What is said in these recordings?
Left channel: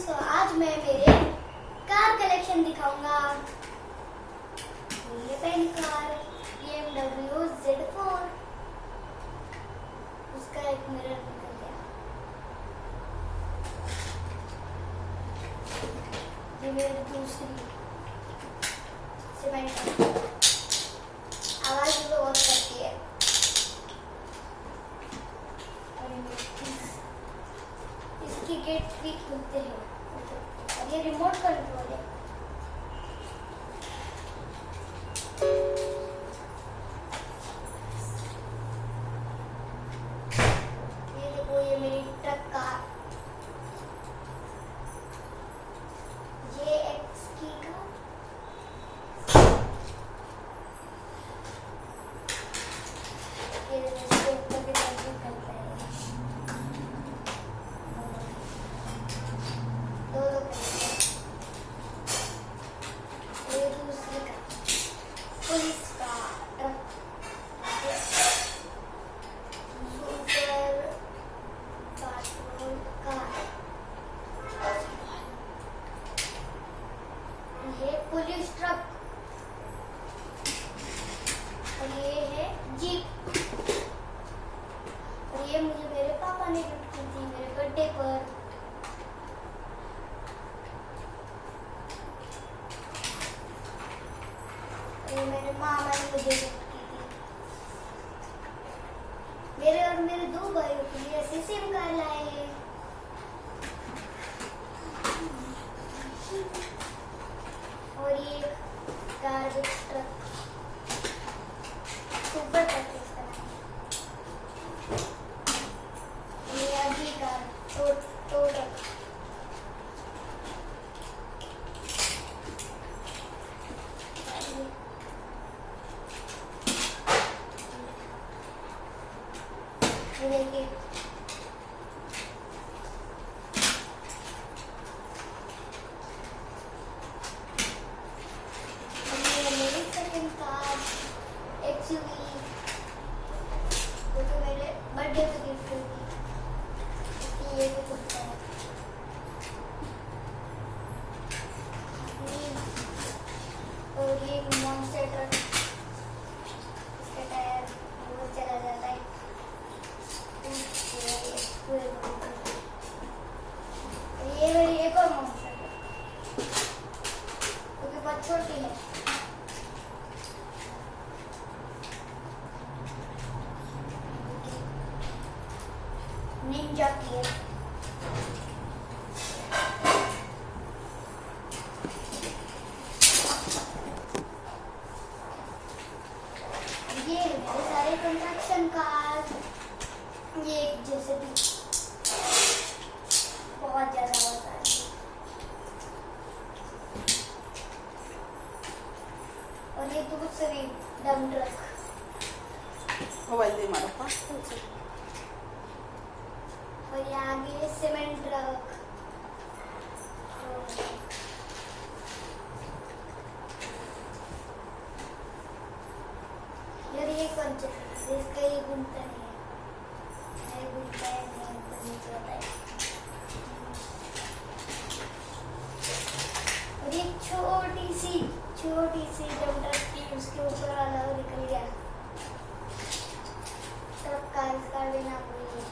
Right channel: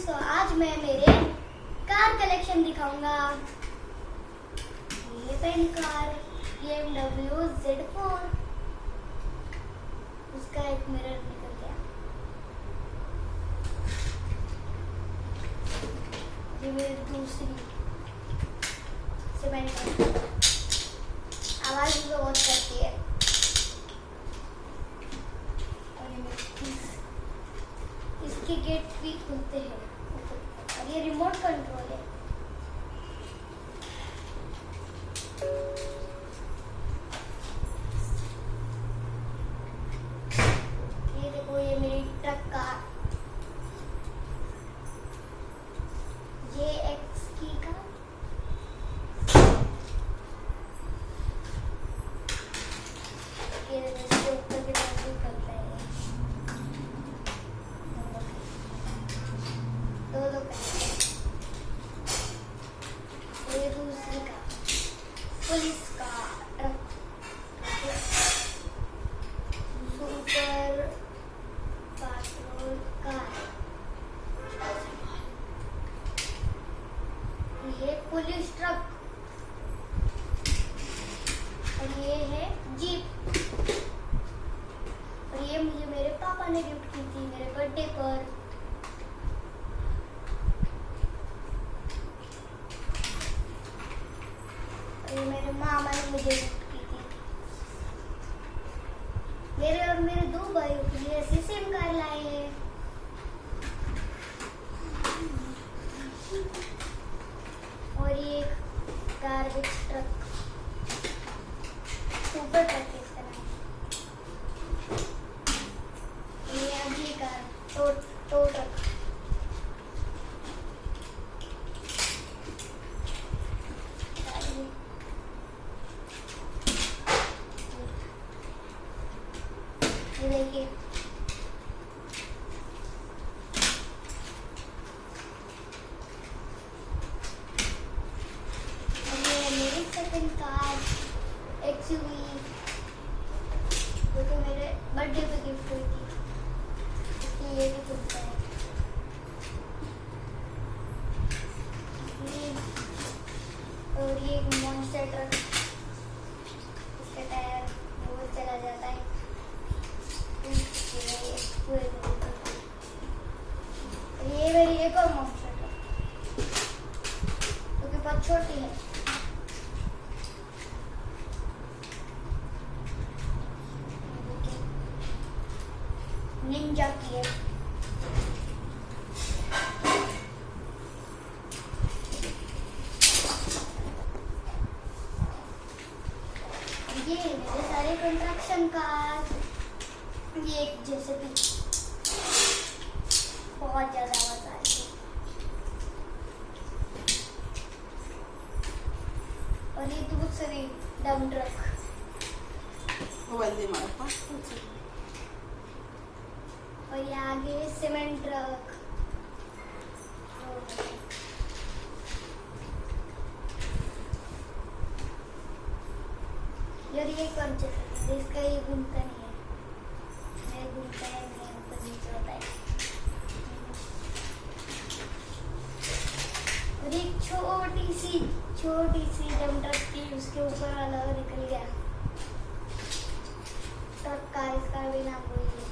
तो आज मैं मेरे कार कलेक्शन दिखाऊंगा। ये पहली कार BMW Z4। उसका एक मिरर निकल गया। ये मेरी दूसरी से मैंने आवाज भी बहुत करती है। और ये मेरी इसकी गेट भी खुलते हैं और ये रिमोट कंट्रोल है। ये देखो, ये मेरी ट्रक कार ये एक्स की का ये इसके ऊपर के तरफ भी करता है। ये दूसरी का पुलिस का ट्रक सुपर पेट्रोल कार। ये पुलिस ट्रक और ये है जीप। और ये मुझे मेरे पापा ने गिफ्ट की थी मेरे बर्थडे पर। ये मेरे मामा ने मुझे गिफ्ट की थी। मेरे और मेरे दो भाइयों के लिए ऐसी सेम कार लाए हैं। और ये गार्बेज ट्रक सुपर ट्रक है इसका नाम। ये अगली कार टो ट्रक। ये देखिए, ये मेरी सेकंड कार XUV जो कि मेरे बर्थडे पे गिफ्ट हुई थी। इसकी ये भी खुलता है। और ये एक मॉन्स्टर ट्रक। इसका टायर बहुत चला जाता है। ये मेरी एक और मॉन्स्टर ट्रक क्योंकि बहुत छोटी है। निंजा की है। ये मेरे सारे कंस्ट्रक्शन कार। ये एक जैसे भी बहुत ज्यादा होता है। और ये दूसरी डम ट्रक और ये आगे सीमेंट ट्रक। ये कौन सा इसका ये घूमता नहीं है। घूमता है और एक छोटी सी डम ट्रक थी उसके ऊपर वाला निकल गया। ट्रक का इसका भी नाम बोलिए।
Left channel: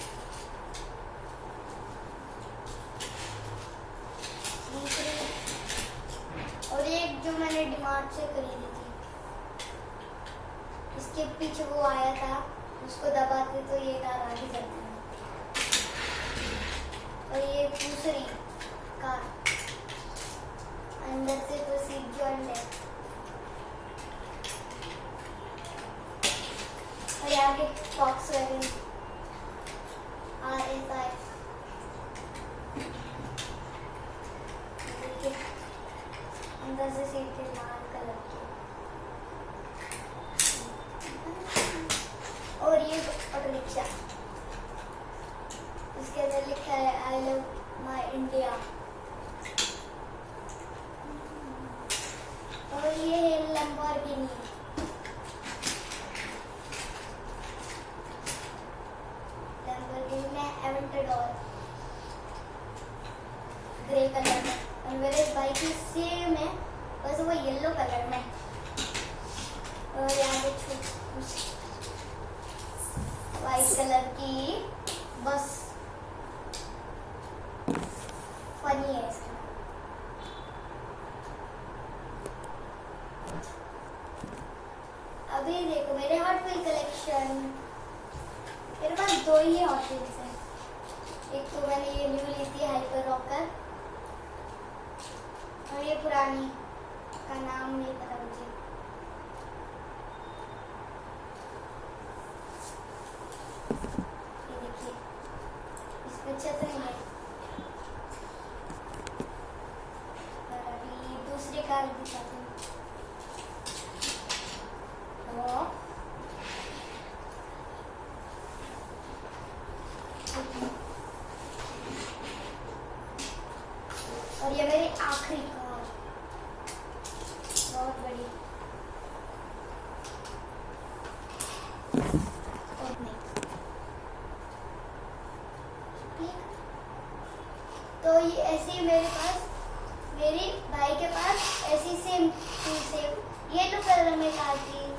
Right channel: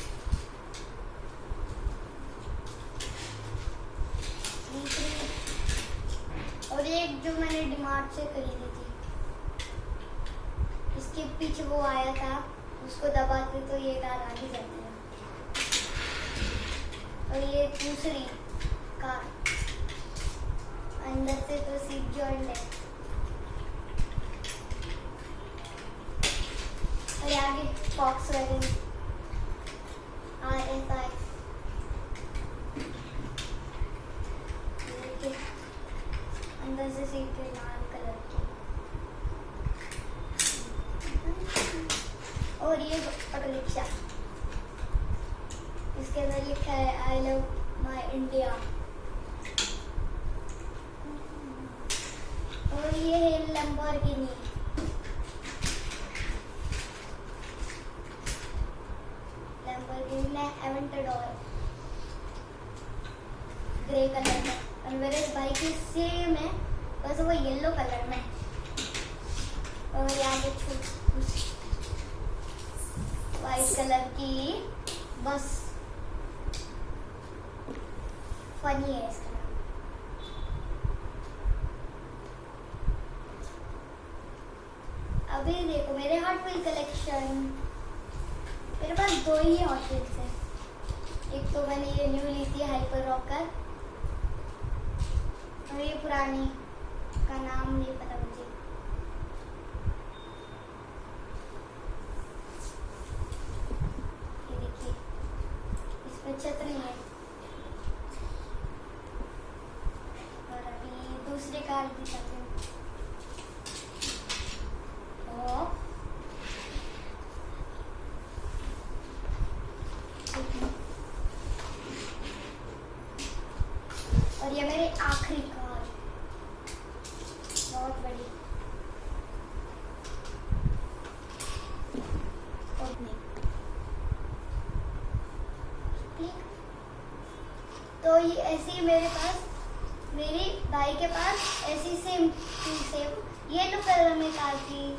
और एक जो मैंने डिमार्ट से खरीदी थी इसके पीछे वो आया था, उसको दबाते तो ये कार आगे जाती है। और ये दूसरी कार अंदर से तो सीट जॉइंट है। और आगे Volkswagen RS5। अंदर से सीट लाल कलर की। और ये ऑटो रिक्शा इसके अंदर लिखा है आई लव माई इंडिया। और ये है लैम्बोर्गिनी। लैम्बोर्गिनी में एवेंटाडोर ग्रे ग्रे कलर में, और मेरे भाई की सेम है, बस वो येलो कलर में। और यहाँ देखो वाइट कलर की, बस फनी है इसका नाम। अभी देखो मेरे हॉट व्हील कलेक्शन, मेरे पास 2 ही हॉट व्हील्स है। एक तो मैंने ये न्यू ली थी हाइपर रॉकर, और ये पुरानी का नाम नहीं पता मुझे। ये देखिए इसमें छतरी है। और अभी दूसरे कार दिखाते हैं। और ये मेरी आखिरी कार, बहुत बड़ी। तो ये ऐसी मेरे पास, मेरी भाई के पास ऐसी सेम येलो कलर में कार थी,